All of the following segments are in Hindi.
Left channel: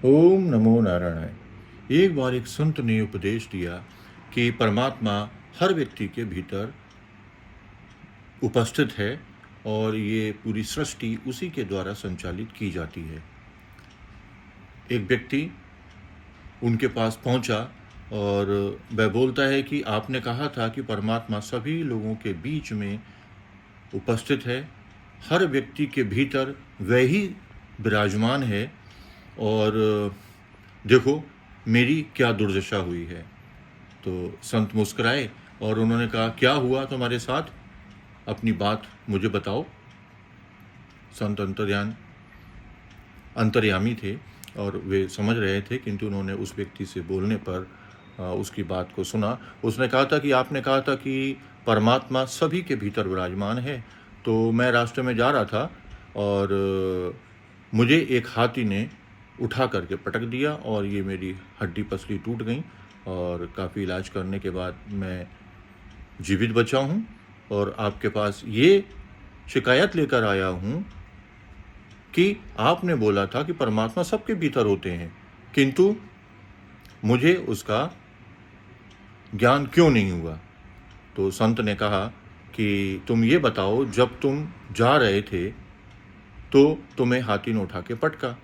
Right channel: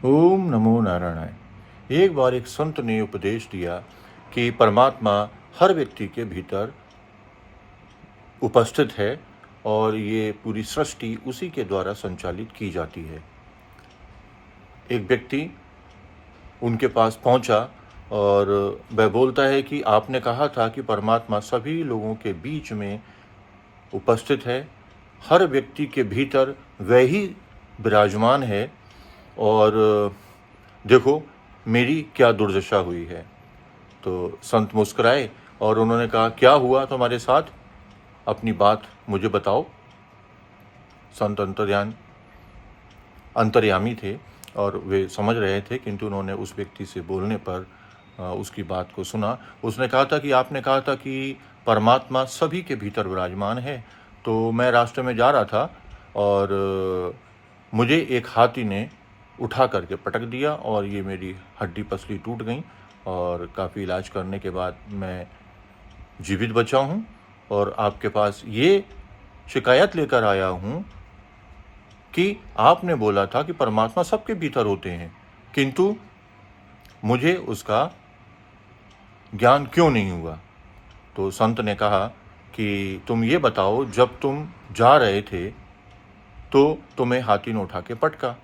ओम नमो नारायणाय। एक बार एक संत ने उपदेश दिया कि परमात्मा हर व्यक्ति के भीतर उपस्थित है और ये पूरी सृष्टि उसी के द्वारा संचालित की जाती है। एक व्यक्ति उनके पास पहुंचा और वह बोलता है कि आपने कहा था कि परमात्मा सभी लोगों के बीच में उपस्थित है, हर व्यक्ति के भीतर वह ही विराजमान है और देखो मेरी क्या दुर्दशा हुई है। तो संत मुस्कुराए और उन्होंने कहा, क्या हुआ तुम्हारे साथ, अपनी बात मुझे बताओ। संत अंतर्यामी थे और वे समझ रहे थे, किंतु उन्होंने उस व्यक्ति से बोलने पर उसकी बात को सुना। उसने कहा था कि आपने कहा था कि परमात्मा सभी के भीतर विराजमान है। तो मैं रास्ते में जा रहा था और मुझे एक हाथी ने उठा करके पटक दिया और ये मेरी हड्डी पसली टूट गई और काफ़ी इलाज करने के बाद मैं जीवित बचा हूँ और आपके पास ये शिकायत लेकर आया हूँ कि आपने बोला था कि परमात्मा सबके भीतर होते हैं, किंतु मुझे उसका ज्ञान क्यों नहीं हुआ। तो संत ने कहा कि तुम ये बताओ, जब तुम जा रहे थे तो तुम्हें हाथी ने उठा के पटका,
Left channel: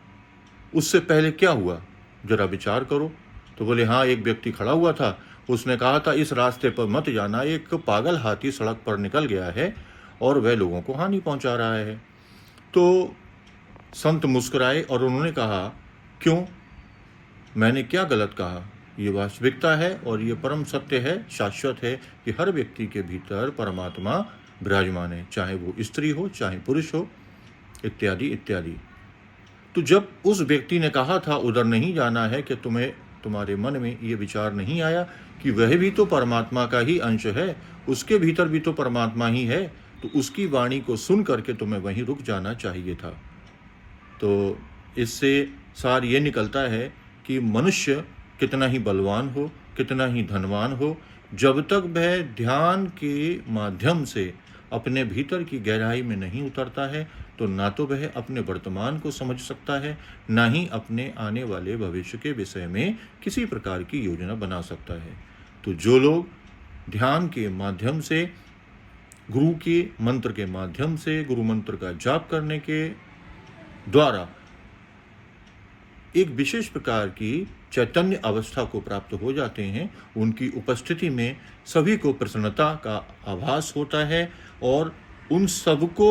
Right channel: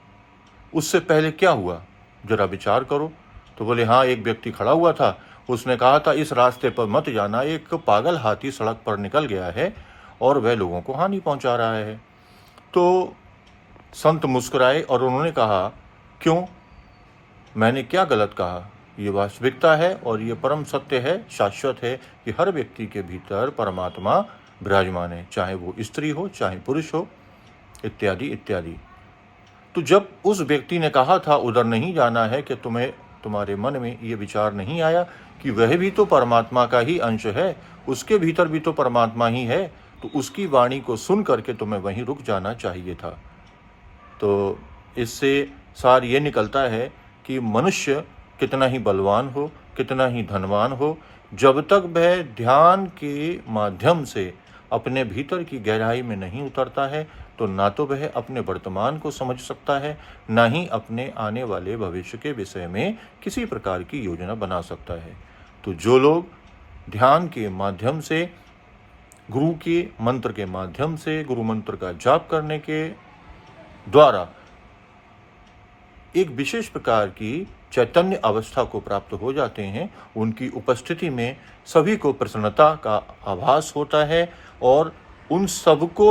उससे पहले क्या हुआ, जरा विचार करो। तो बोले, हाँ, एक व्यक्ति खड़ा हुआ था, उसने कहा था इस रास्ते पर मत जाना, एक पागल हाथी सड़क पर निकल गया है और वह लोगों को हानि पहुंचा रहा है। तो संत मुस्कुराए और उन्होंने कहा, क्यों, मैंने क्या गलत कहा। ये वास्तविकता है और ये परम सत्य है, शाश्वत है कि हर व्यक्ति के भीतर परमात्मा विराजमान है, चाहे वो स्त्री हो चाहे पुरुष हो, इत्यादि इत्यादि। तो जब उस व्यक्ति ने कहा था उधर नहीं जाना है, कि तुम्हारे मन में ये विचार नहीं आया कि वह भी तो परमात्मा का ही अंश है, उसके भीतर भी तो परमात्मा ही है, तो उसकी वाणी को सुन करके तुम्हें वहीं रुक जाना चाहिए था। तो इससे सार ये निकलता है कि मनुष्य कितना ही बलवान हो, कितना ही धनवान हो, जब तक वह ध्यान के माध्यम से अपने भीतर की गहराई में नहीं उतरता है, तो ना तो वह अपने वर्तमान को समझ सकता है, ना ही अपने आने वाले भविष्य के विषय में किसी प्रकार की योजना बना सकता है। तो जो लोग ध्यान के माध्यम से, गुरु के मंत्र के माध्यम से, गुरु मंत्र का जाप करने के द्वारा एक विशेष प्रकार की चैतन्य अवस्था को प्राप्त हो जाते हैं, उनकी उपस्थिति में सभी को प्रसन्नता का आभास होता है और उन सबको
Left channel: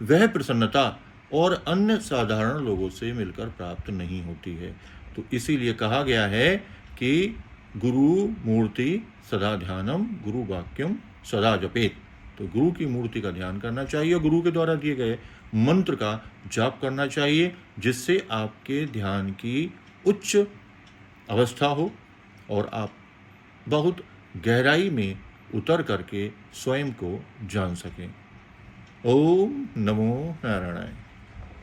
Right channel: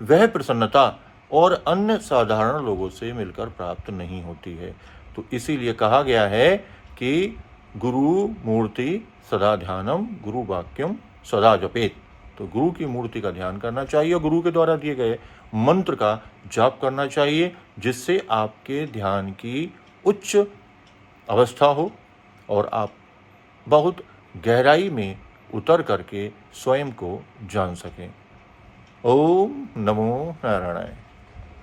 वह प्रसन्नता और अन्य साधारण लोगों से मिलकर प्राप्त नहीं होती है। तो इसीलिए कहा गया है कि गुरु मूर्ति सदा ध्यानम, गुरु वाक्यम सदा जपेत। तो गुरु की मूर्ति का ध्यान करना चाहिए, गुरु के द्वारा दिए गए मंत्र का जाप करना चाहिए, जिससे आपके ध्यान की उच्च अवस्था हो और आप बहुत गहराई में उतर करके स्वयं को जान सकें। ओम नमो नारायणाय।